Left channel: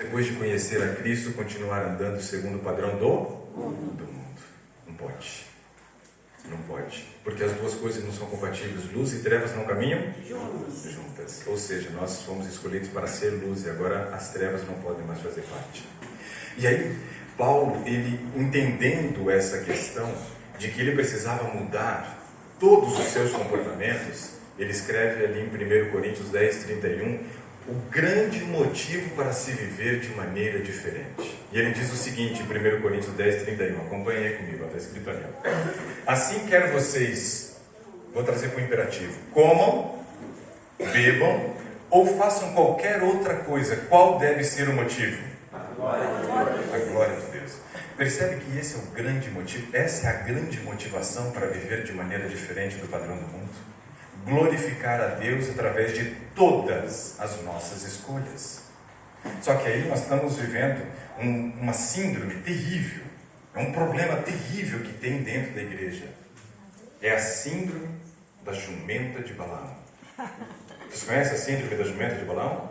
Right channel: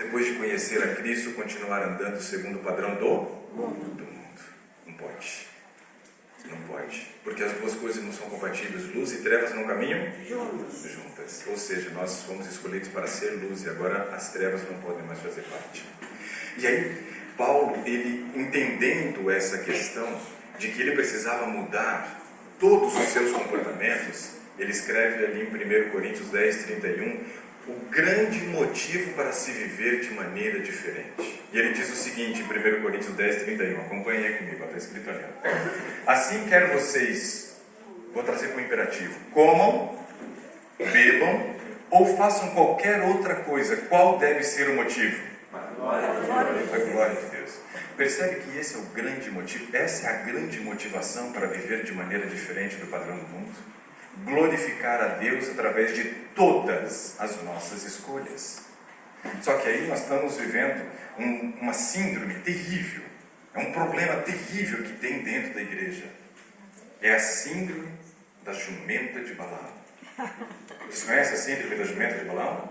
depois de conhecer a Cristo, continuar andando segundo o padrão do mundo. Não pode. Não pode. Porque as duas coisas não são compatíveis. Luz e trevas não caminham juntas. Ou seja, nós fomos escolhidos para ser luz e agora as trevas não podem mais fazer parte. E aí, Paulo, ele entendendo essa questão de que ele precisava mudar todos os seus comportamentos, ele escreve ali em 1 Coríntios 10, 31, o grande motivo para se viver de maneira diferente. E ele diz o seguinte, em 1 Coríntios 10, 31, acompanhe aí comigo, está escrito ali. Assim quer vocês, vou trazer para o imperativo, comam, bebam ou façam qualquer outra coisa. Qual deve ser o motivo? A glória de Deus. Percebe que esse é o grande motivo, essa é a grande motivação para viver de maneira diferente do padrão do mundo. Glorificar a Deus através de todas as nossas escolhas. Só que aí nós estamos vivendo uma síndrome terrível, é um problema terrível que tem dentro da igreja. É a síndrome da jumenta de Balaão. Vocês conhecem a síndrome da jumenta de Balaão?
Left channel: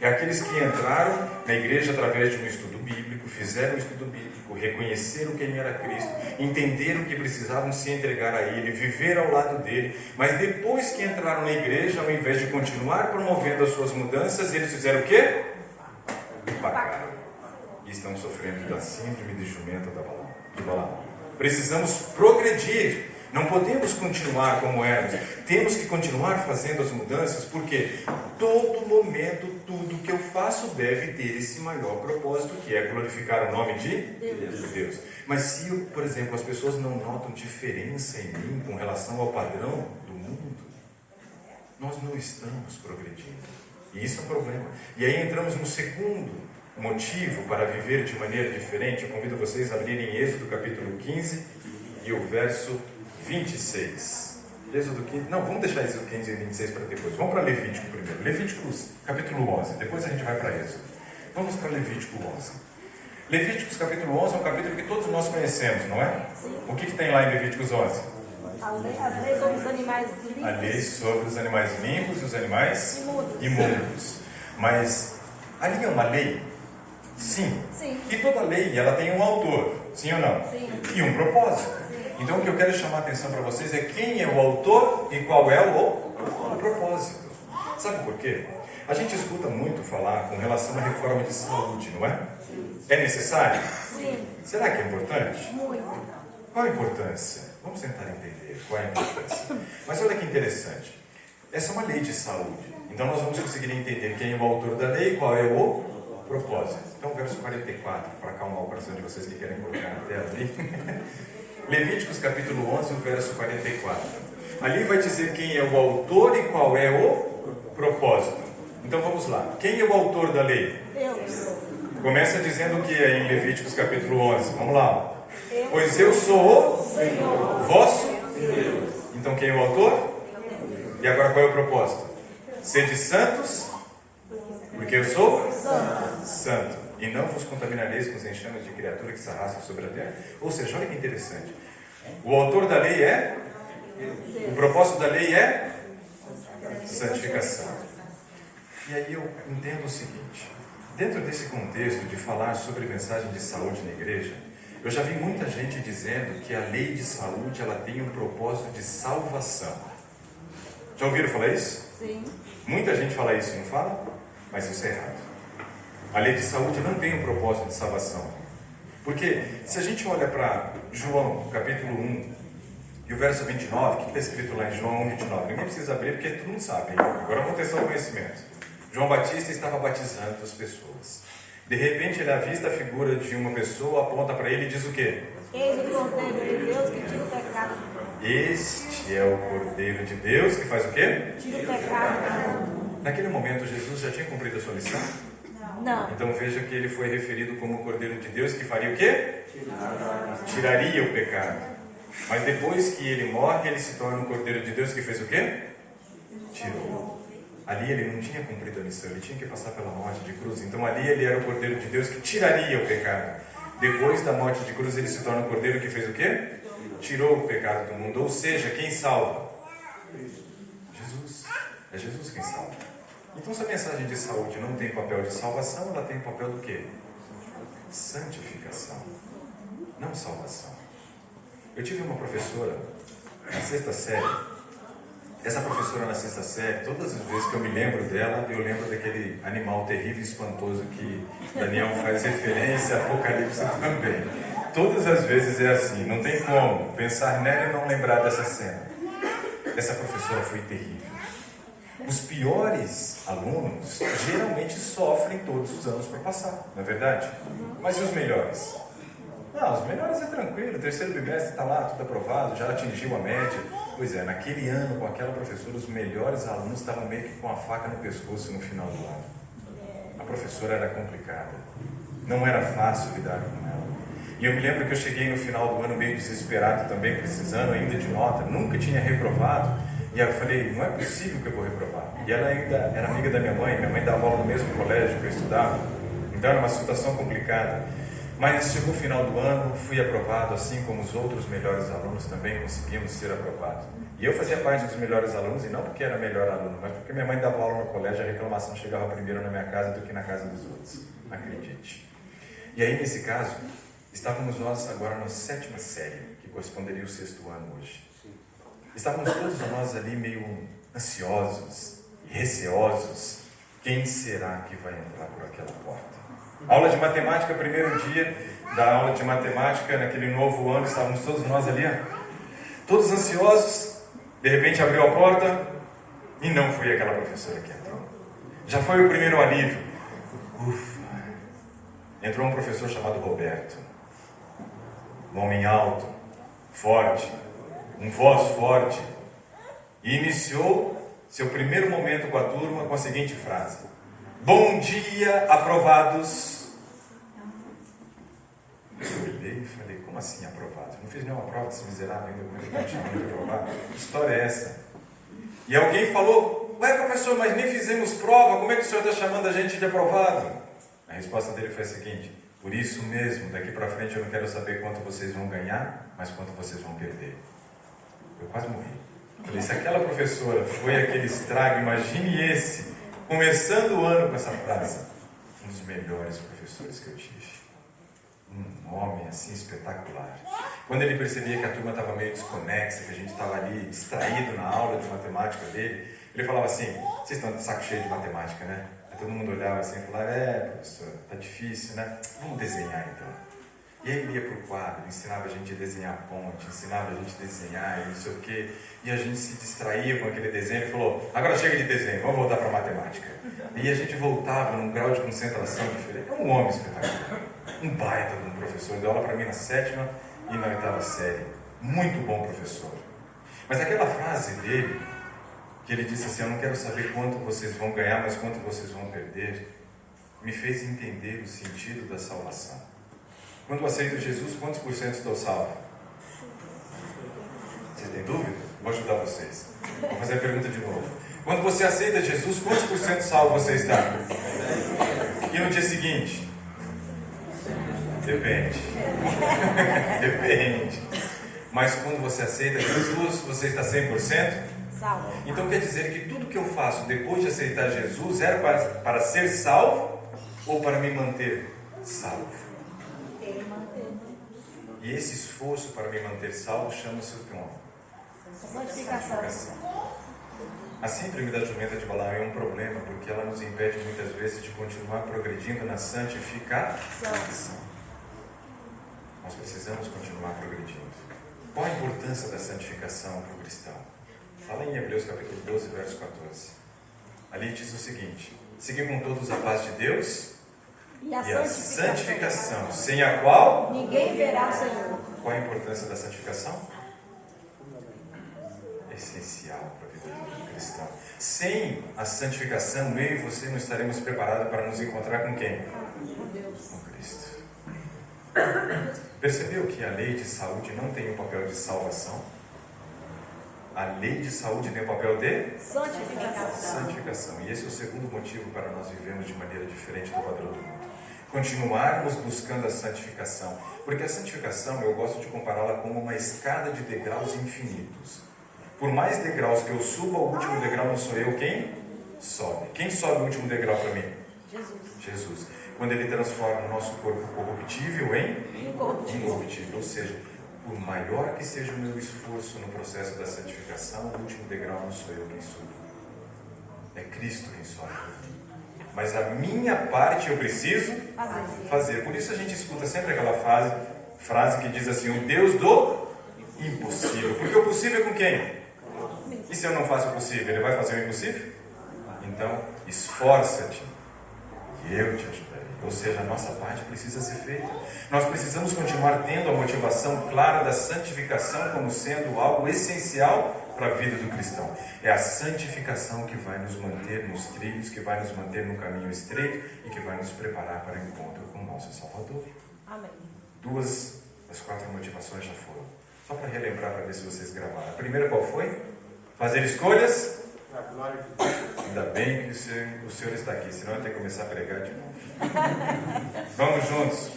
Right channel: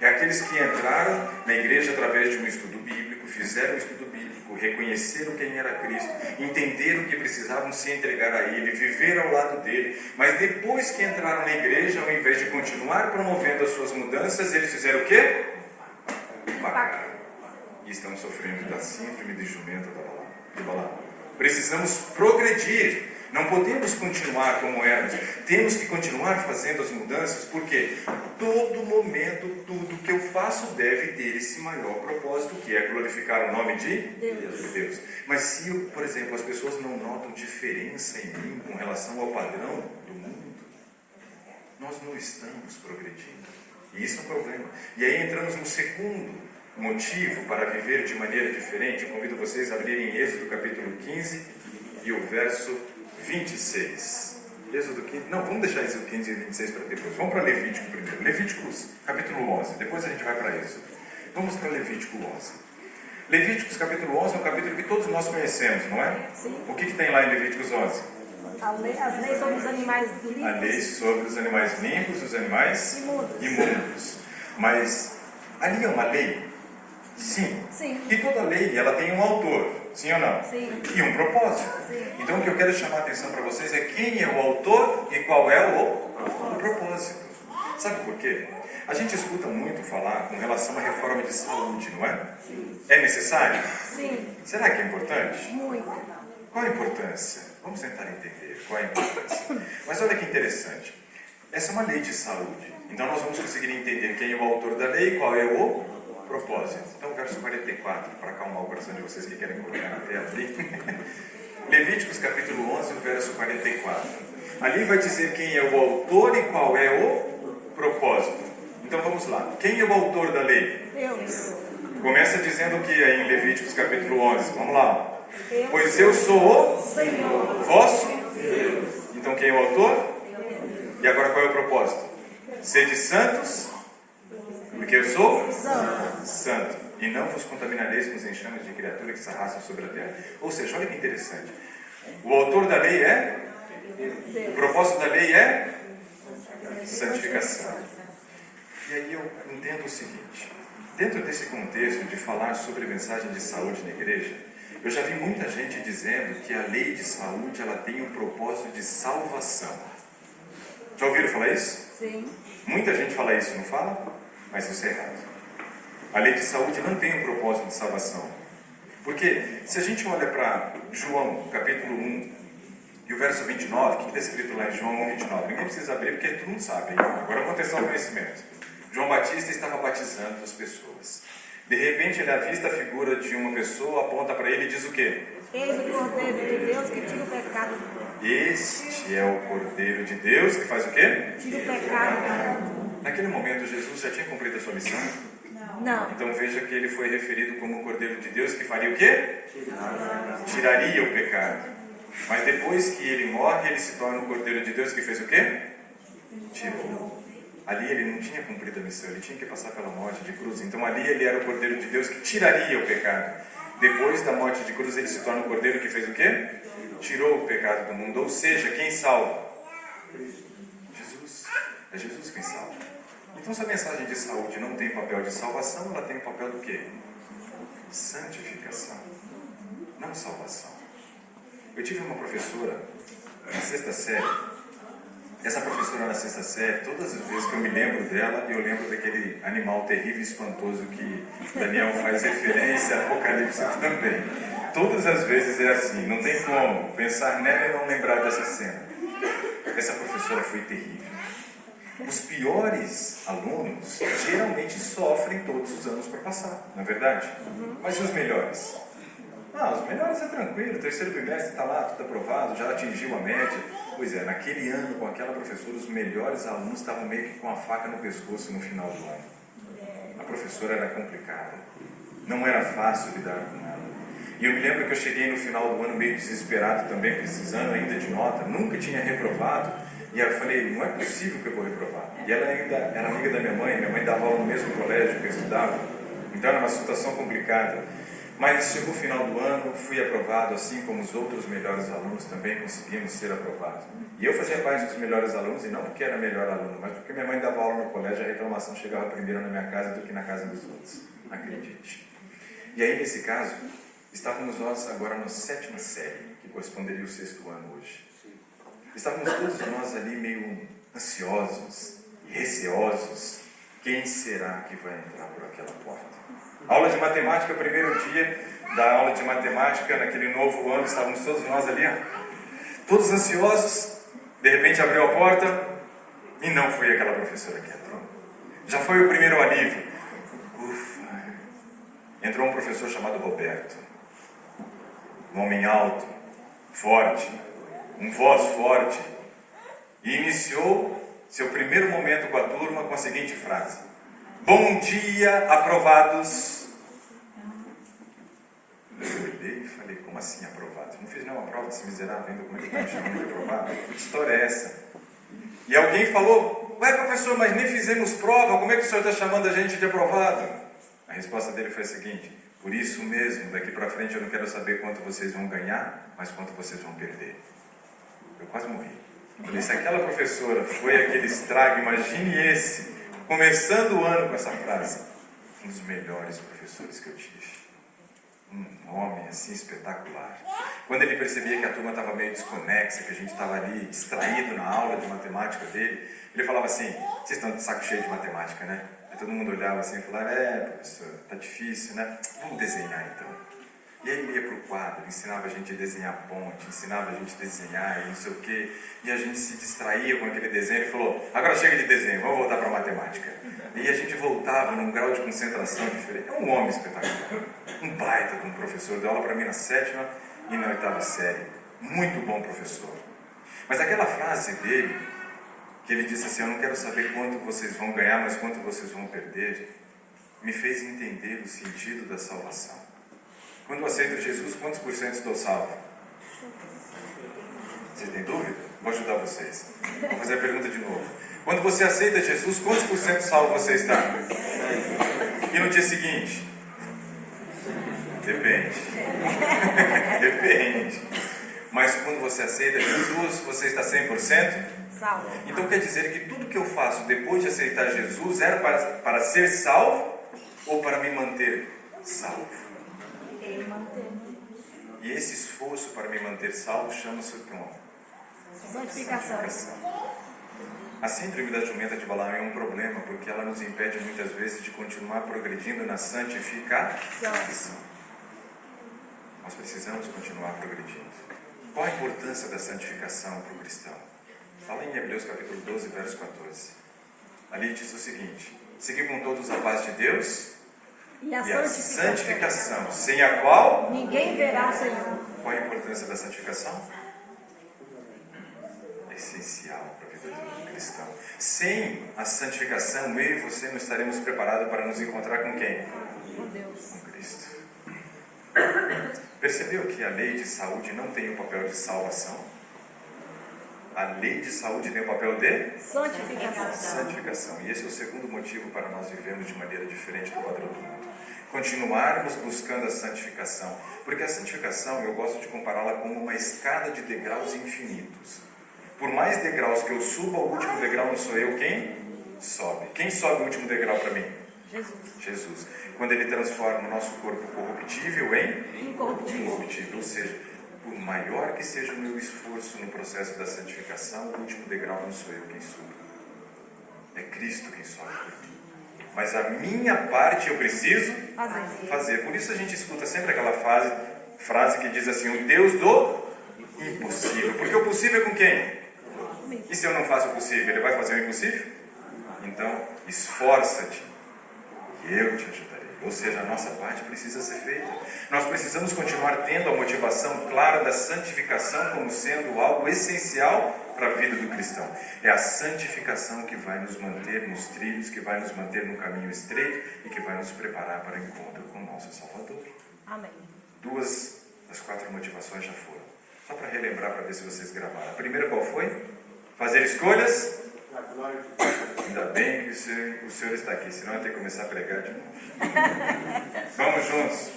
É aqueles que entraram na igreja através de um estudo bíblico, fizeram um estudo bíblico, reconheceram quem era Cristo, entenderam que precisavam se entregar a Ele, viver ao lado dele, mas depois que entraram na igreja, ao invés de continuar promovendo as suas mudanças, eles fizeram o quê? Pagaram. E estão sofrendo da síndrome de jumenta de Balaão. Precisamos progredir. Não podemos continuar como éramos. Temos que continuar fazendo as mudanças, porque todo momento, tudo que eu faço deve ter esse maior propósito, que é glorificar o nome de Deus. Mas se, por exemplo, as pessoas não notam diferença em mim com relação ao padrão do mundo, nós não estamos progredindo. E isso é um problema. E aí entramos no segundo motivo para viver de maneira diferente. Eu convido vocês a lerem Êxodo capítulo 15 e o verso 26. Êxodo 15. Não, vamos deixar Êxodo 15 e 26 para depois. Vamos para Levítico primeiro. Levíticos capítulo 11. Depois a gente vai para Êxodo. Vamos para Levítico 11. Levíticos capítulo 11 é um capítulo que todos nós conhecemos, não é? Sim. O que tem lá em Levíticos 11? As leis sobre os animais limpos. A lei sobre os animais limpos e os animais imundos. Mas ali é uma lei? Sim. Sim. E toda lei, ela tem um autor, sim ou não? Sim. E um propósito. Sim. Então o que eu quero chamar a atenção para vocês é quem é o autor e qual é o propósito. Sabe por quê? A gente escuta muito falar com relação à reforma de saúde, não é? Sim. É necessário? Sim. Será que é importante? Muito. Qual a importância? Vamos tentar entender qual é a importância. Mas olha que interessante. Essa é uma lei de saúde. Então nós vamos conseguir entender quem é o autor da lei e qual é o propósito. Então, verso 44, para acalmar o coração de vocês que querem colocar na tela ali. Levíticos capítulo 11, verso 44. Ali vai dizer quem é o autor e qual é o propósito. Então vamos lá. Quem é o autor da lei? Deus. Começa dizendo o que é em Levíticos capítulo 11. Vamos lá. Eu Pois eu sou o Senhor. vosso Deus. Então quem é o autor? E agora qual é o propósito? Sede santos, porque eu sou santo. E não vos contaminareis com os enxames de criatura que se arrastam sobre a terra. Ou seja, olha que interessante. O autor da lei é? O propósito da lei é? Santificação. E aí eu entendo o seguinte. Dentro desse contexto de falar sobre mensagem de saúde na igreja, eu já vi muita gente dizendo que a lei de saúde ela tem um propósito de salvação. Já ouviram falar isso? Sim. Muita gente fala isso, não fala? Mas isso é errado. A lei de saúde não tem um propósito de salvação. Porque se a gente olha para João, capítulo 1, e o verso 29, o que está escrito lá em João 1, 29? Ninguém precisa abrir porque todo mundo sabe. Agora vamos testar o conhecimento. João Batista estava batizando as pessoas. De repente ele avista a figura de uma pessoa, aponta para ele e diz o quê? Eis o Cordeiro de Deus que tira o pecado do mundo. Este é o Cordeiro de Deus que faz o quê? Tira o pecado do mundo. Naquele momento Jesus já tinha cumprido a sua missão? Não. Então veja que ele foi referido como o Cordeiro de Deus que faria o quê? Tiraria o pecado. Mas depois que ele morre, ele se torna o Cordeiro de Deus que fez o quê? Tirou. Ali ele não tinha cumprido a missão, ele tinha que passar pela morte de cruz. Então ali ele era o Cordeiro de Deus que tiraria o pecado. Depois da morte de cruz ele se torna o Cordeiro que fez o quê? Tirou o pecado do mundo. Ou seja, quem salva? Jesus. É Jesus quem salva. Então, se a mensagem de saúde não tem papel de salvação, ela tem papel do quê? Santificação, não salvação. Eu tive uma professora na 6ª série. Essa professora na 6ª série, todas as vezes que eu me lembro dela, eu lembro daquele animal terrível e espantoso que Daniel faz referência, Apocalipse também. Todas as vezes é assim, não tem como pensar nela e não lembrar dessa cena. Essa professora foi terrível. Os piores alunos geralmente sofrem todos os anos para passar, não é verdade? Mas e os melhores? Não, os melhores é tranquilo, o 3º bimestre está lá, tudo aprovado, já atingiu a média. Pois é, naquele ano, com aquela professora, os melhores alunos estavam meio que com a faca no pescoço no final do ano. A professora era complicada, não era fácil lidar com ela. E eu me lembro que eu cheguei no final do ano meio desesperado também, precisando ainda de nota, nunca tinha reprovado. E aí eu falei, não é possível que eu vou reprovar. E ela ainda era amiga da minha mãe dava aula no mesmo colégio que eu estudava. Então era uma situação complicada. Mas chegou o final do ano, fui aprovado, assim como os outros melhores alunos também conseguimos ser aprovados. E eu fazia parte dos melhores alunos, e não porque era melhor aluno, mas porque minha mãe dava aula no colégio, a reclamação chegava primeiro na minha casa do que na casa dos outros. Acredite. E aí, nesse caso, estávamos nós agora na 7ª série, que corresponderia ao 6º ano hoje. Estávamos todos nós ali meio ansiosos, receosos. Quem será que vai entrar por aquela porta? Aula de matemática, primeiro dia da aula de matemática, naquele novo ano, estávamos todos nós ali, todos ansiosos. De repente abriu a porta e não foi aquela professora que entrou. Já foi o primeiro alívio. Ufa! Entrou um professor chamado Roberto. Um homem alto, forte, um voz forte. E iniciou seu primeiro momento com a turma com a seguinte frase: bom dia, aprovados. Eu olhei e falei, como assim aprovados? Não fiz nenhuma prova desse miserável ainda, como é que está me chamando de aprovado? Que história é essa? E alguém falou, ué professor, mas nem fizemos prova, como é que o senhor está chamando a gente de aprovado? A resposta dele foi a seguinte: por isso mesmo, daqui para frente eu não quero saber quanto vocês vão ganhar, mas quanto vocês vão perder. Eu quase morri. Falei, se aquela professora foi aquele estrago, imagine esse, começando o ano com essa frase. Um dos melhores professores que eu tive. Um homem assim espetacular. Quando ele percebia que a turma estava meio desconexa, que a gente estava ali distraído na aula de matemática dele, ele falava assim, vocês estão de saco cheio de matemática, né? Aí todo mundo olhava assim e falava, professor, tá difícil, né? Vamos desenhar então. E aí ele ia para o quadro, ensinava a gente a desenhar ponte, ensinava a gente a desenhar e não sei o quê. E a gente se distraía com aquele desenho e falou, agora chega de desenho, vamos voltar para a matemática. E a gente voltava num grau de concentração diferente. É um homem espetacular, um baita de um professor, deu aula para mim na 7ª e na 8ª série. Muito bom professor. Mas aquela frase dele, que ele disse assim, eu não quero saber quanto vocês vão ganhar, mas quanto vocês vão perder, me fez entender o sentido da salvação. Quando eu aceito Jesus, quantos por cento estou salvo? Vocês têm dúvida? Vou ajudar vocês. Vou fazer a pergunta de novo. Quando você aceita Jesus, quantos por cento salvo você está? E no dia seguinte? Depende. Depende. Mas quando você aceita Jesus, você está 100%? Salvo. Então quer dizer que tudo que eu faço depois de aceitar Jesus era para ser salvo ou para me manter salvo? E esse esforço para me manter salvo chama-se o nome. Santificação. A síndrome da jumenta de Balaão é um problema porque ela nos impede muitas vezes de continuar progredindo na santificação. Nós precisamos continuar progredindo. Qual a importância da santificação para o cristão? Fala em Hebreus capítulo 12, verso 14. Ali diz o seguinte: seguir com todos a paz de Deus e a santificação, sem a qual ninguém verá o Senhor. Qual a importância da santificação? É essencial para a vida do cristão. Sem a santificação, eu e você não estaremos preparados para nos encontrar com quem? Com Deus. Com Cristo. Percebeu que a lei de saúde não tem o papel de salvação? A lei de saúde tem o papel de santificação. E esse é o segundo motivo para nós vivermos de maneira diferente do padrão do mundo. Continuarmos buscando a santificação. Porque a santificação, eu gosto de compará-la como uma escada de degraus infinitos. Por mais degraus que eu suba, o último degrau não sou eu quem sobe. Quem sobe o último degrau para mim? Jesus. Jesus. Quando Ele transforma o nosso corpo corruptível em Incorruptível. incorruptível. Ou seja, por maior que seja o meu esforço no processo da santificação, o último degrau não sou eu quem subo. É Cristo quem sobe. Mas a minha parte eu preciso fazer. Por isso a gente escuta sempre aquela frase que diz assim: o Deus do impossível. Porque o possível é com quem? E se eu não faço o possível, Ele vai fazer o impossível? Então, esforça-te e eu te ajudarei. Ou seja, a nossa parte precisa ser feita. Nós precisamos continuar tendo a motivação clara da santificação como sendo algo essencial para a vida do cristão. É a santificação que vai nos manter nos trilhos, que vai nos manter no caminho estreito e que vai nos preparar para o encontro com o nosso Salvador. Amém. 2 das 4 motivações já foram. Só para relembrar, para ver se vocês gravaram. A primeira qual foi? Fazer escolhas. Ainda bem que o senhor está aqui, senão eu tenho que começar a pregar de novo. Vamos juntos.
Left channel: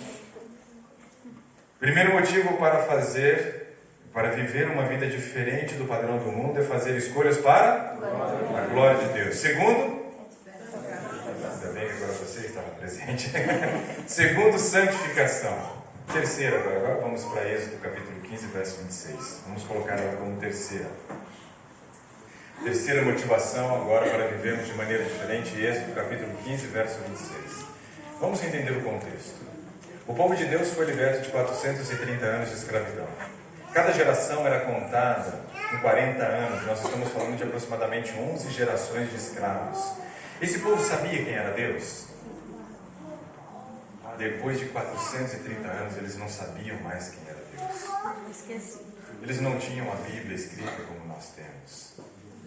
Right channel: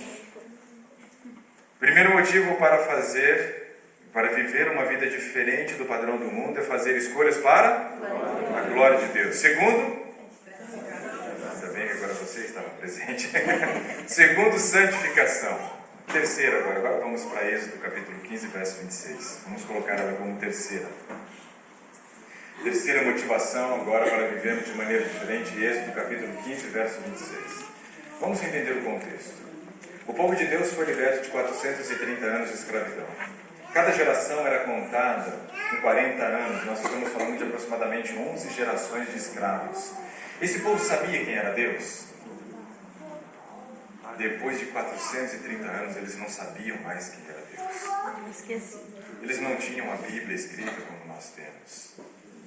Primeiro motivo para viver uma vida diferente do padrão do mundo é fazer escolhas para a glória de Deus. Segundo, ainda bem que agora você estava presente. Segundo, santificação. Terceira, agora vamos para Êxodo capítulo 15, verso 26. Vamos colocar ela como terceira. Terceira motivação agora para vivermos de maneira diferente, Êxodo capítulo 15, verso 26. Vamos entender o contexto. O povo de Deus foi liberto de 430 anos de escravidão. Cada geração era contada em 40 anos. Nós estamos falando de aproximadamente 11 gerações de escravos. Esse povo sabia quem era Deus? Depois de 430 anos, eles não sabiam mais quem era Deus. Esqueci. Eles não tinham a Bíblia escrita como nós temos.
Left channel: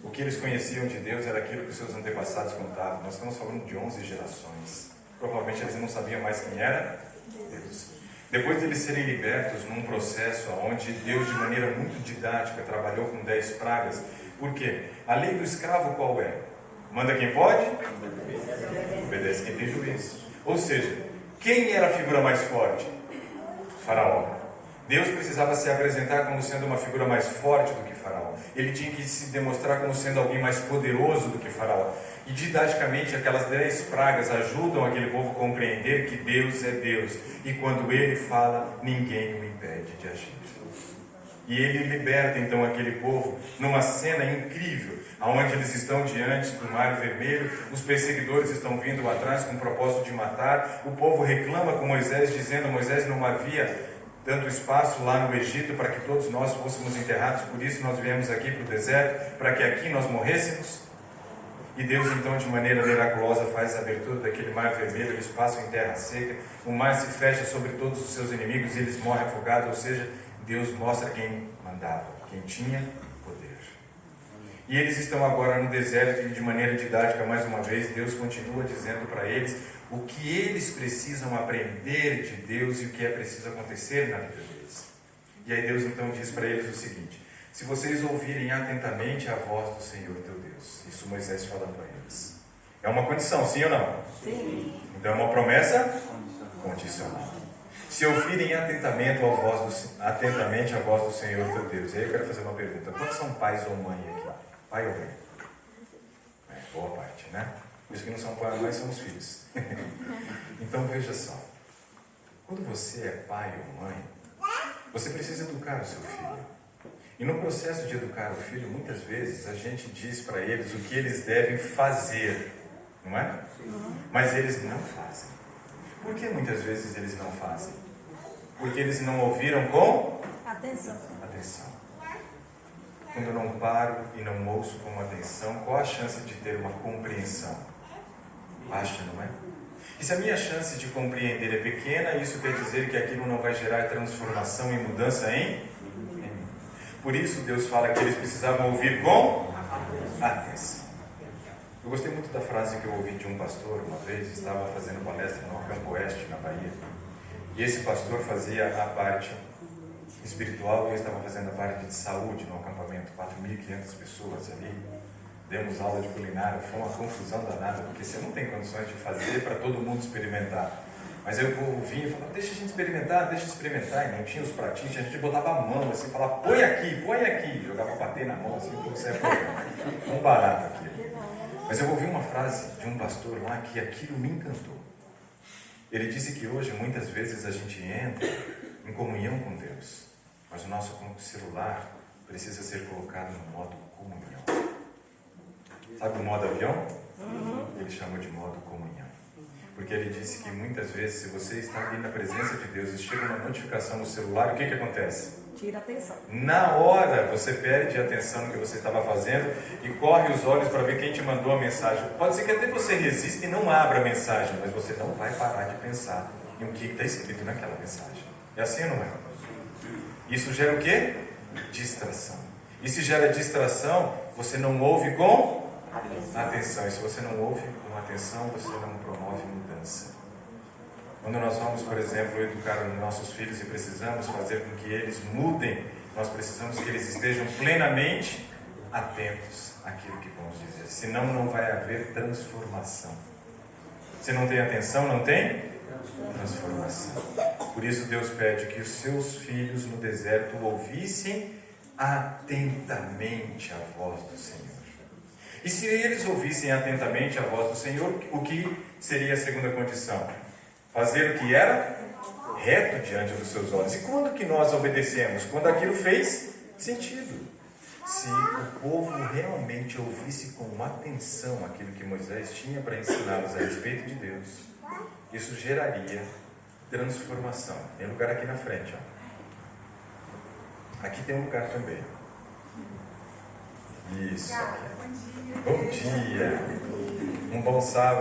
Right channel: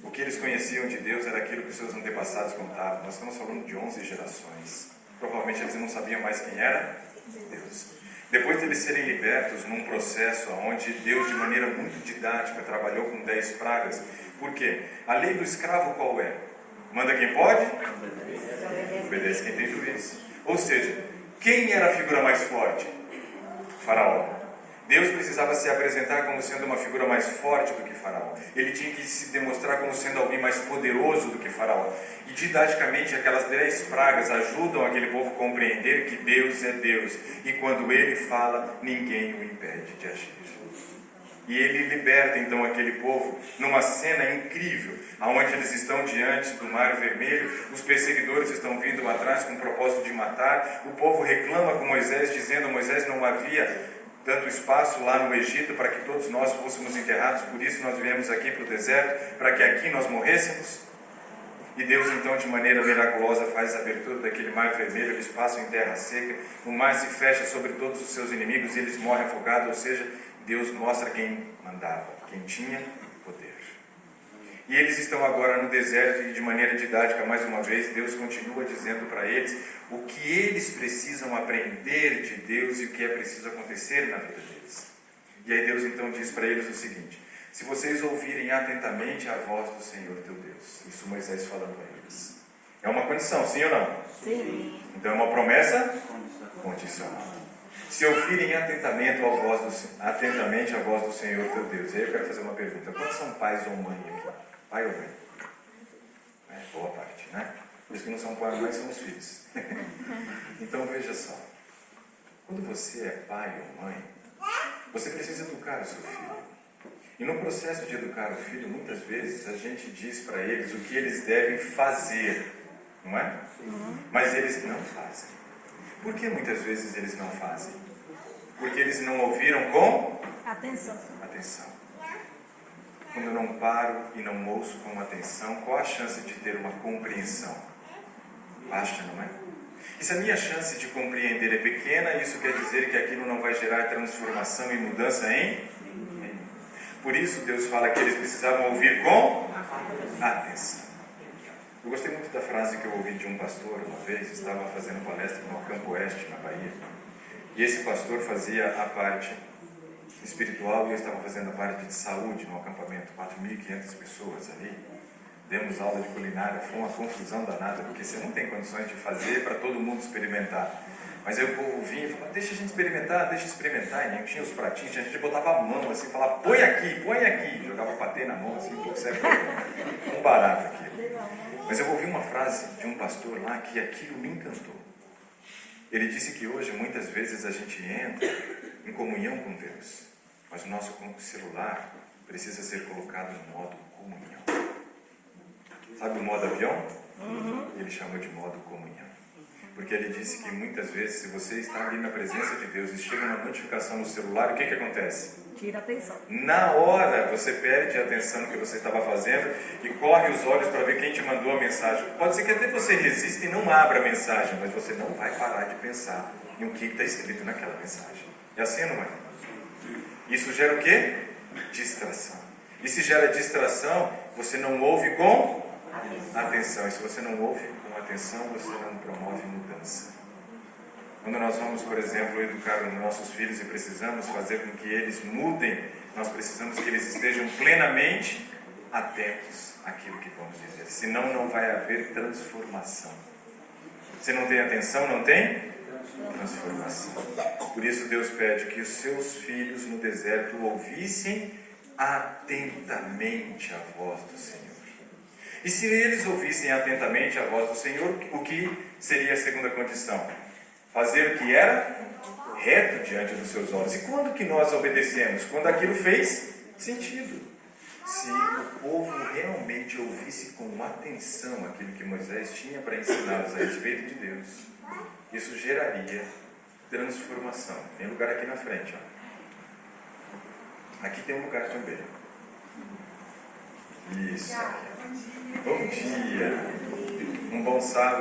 O que eles conheciam de Deus era aquilo que os seus antepassados contavam. Nós estamos falando de 11 gerações. Provavelmente eles não sabiam mais quem era Deus. Depois de eles serem libertos num processo onde Deus, de maneira muito didática, trabalhou com 10 pragas. Por quê? A lei do escravo qual é? Manda quem pode? Obedece quem tem juízo. Ou seja, quem era a figura mais forte? Faraó. Deus precisava se apresentar como sendo uma figura mais forte do que Faraó. Ele tinha que se demonstrar como sendo alguém mais poderoso do que Faraó. E didaticamente aquelas 10 pragas ajudam aquele povo a compreender que Deus é Deus. E quando Ele fala, ninguém o impede de agir. E Ele liberta então aquele povo numa cena incrível, onde eles estão diante do Mar Vermelho, os perseguidores estão vindo atrás com o propósito de matar, o povo reclama com Moisés, dizendo: Moisés, não havia tanto espaço lá no Egito para que todos nós fôssemos enterrados, por isso nós viemos aqui para o deserto, para que aqui nós morrêssemos. E Deus então, de maneira miraculosa, faz a abertura daquele Mar Vermelho, eles passam em terra seca, o mar se fecha sobre todos os seus inimigos e eles morrem afogados, ou seja, Deus mostra quem mandava, quem tinha poder. E eles estão agora no deserto e, de maneira didática, mais uma vez, Deus continua dizendo para eles o que eles precisam aprender de Deus e o que é preciso acontecer na vida deles. E aí Deus então diz para eles o seguinte: se vocês ouvirem atentamente a voz do Senhor teu Deus. Isso Moisés falando a eles. É uma condição, sim ou não? Sim. Então é uma promessa condicional. Se ouvirem atentamente a voz do Senhor teu Deus. Aí eu quero fazer uma pergunta: quantos são pais ou mãe aqui? Pai ou mãe? Boa parte, né? Os que não são pai ou mãe são os filhos. Então veja só. Quando você é pai ou mãe, você precisa educar o seu filho. E no processo de educar o filho, muitas vezes a gente diz para eles o que eles devem fazer, não é? Mas eles não fazem. Por que muitas vezes eles não fazem? Porque eles não ouviram com atenção. Quando eu não paro e não ouço com atenção, qual a chance de ter uma compreensão? Baixa, não é? E se a minha chance de compreender é pequena, isso quer dizer que aquilo não vai gerar transformação e mudança em? Por isso Deus fala que eles precisavam ouvir com atenção. Eu gostei muito da frase que eu ouvi de um pastor uma vez, estava fazendo palestra no Campo Oeste, na Bahia. E esse pastor fazia a parte espiritual e eu estava fazendo a parte de saúde no acampamento. 4.500 pessoas ali. Demos aula de culinária, foi uma confusão danada, porque você não tem condições de fazer para todo mundo experimentar. Mas aí o povo vinha e falava: deixa a gente experimentar, E não tinha os pratinhos, a gente botava a mão assim, falava: põe aqui, jogava patê na mão assim, tudo certo. Um barato aquilo. Mas eu ouvi uma frase de um pastor lá que aquilo me encantou. Ele disse que hoje, muitas vezes, a gente entra em comunhão com Deus, mas o nosso celular precisa ser colocado no modo comunhão. Sabe o modo avião? Ele chama de modo comunhão. Porque ele disse que muitas vezes, se você está ali na presença de Deus e chega uma notificação no celular, o que acontece? Tira a atenção. Na hora você perde a atenção no que você estava fazendo e corre os olhos para ver quem te mandou a mensagem. Pode ser que até você resista e não abra a mensagem, mas você não vai parar de pensar em o que está escrito naquela mensagem. É assim ou não é? Isso gera o quê? Distração. E se gera distração, você não ouve com atenção. E se você não ouve com atenção, você não promove mudança. Quando nós vamos, por exemplo, educar os nossos filhos e precisamos fazer com que eles mudem, nós precisamos que eles estejam plenamente atentos àquilo que vamos dizer. Senão não vai haver transformação. Se não tem atenção, não tem transformação. Por isso Deus pede que os seus filhos no deserto ouvissem atentamente a voz do Senhor. E se eles ouvissem atentamente a voz do Senhor, o que seria a segunda condição? Fazer o que era reto diante dos seus olhos. E quando que nós obedecemos? Quando aquilo fez sentido. Se o povo realmente ouvisse com atenção aquilo que Moisés tinha para ensiná-los a respeito de Deus, isso geraria transformação. Tem lugar aqui na frente, ó. Aqui tem um lugar também. Isso. Bom dia. Um bom sábado.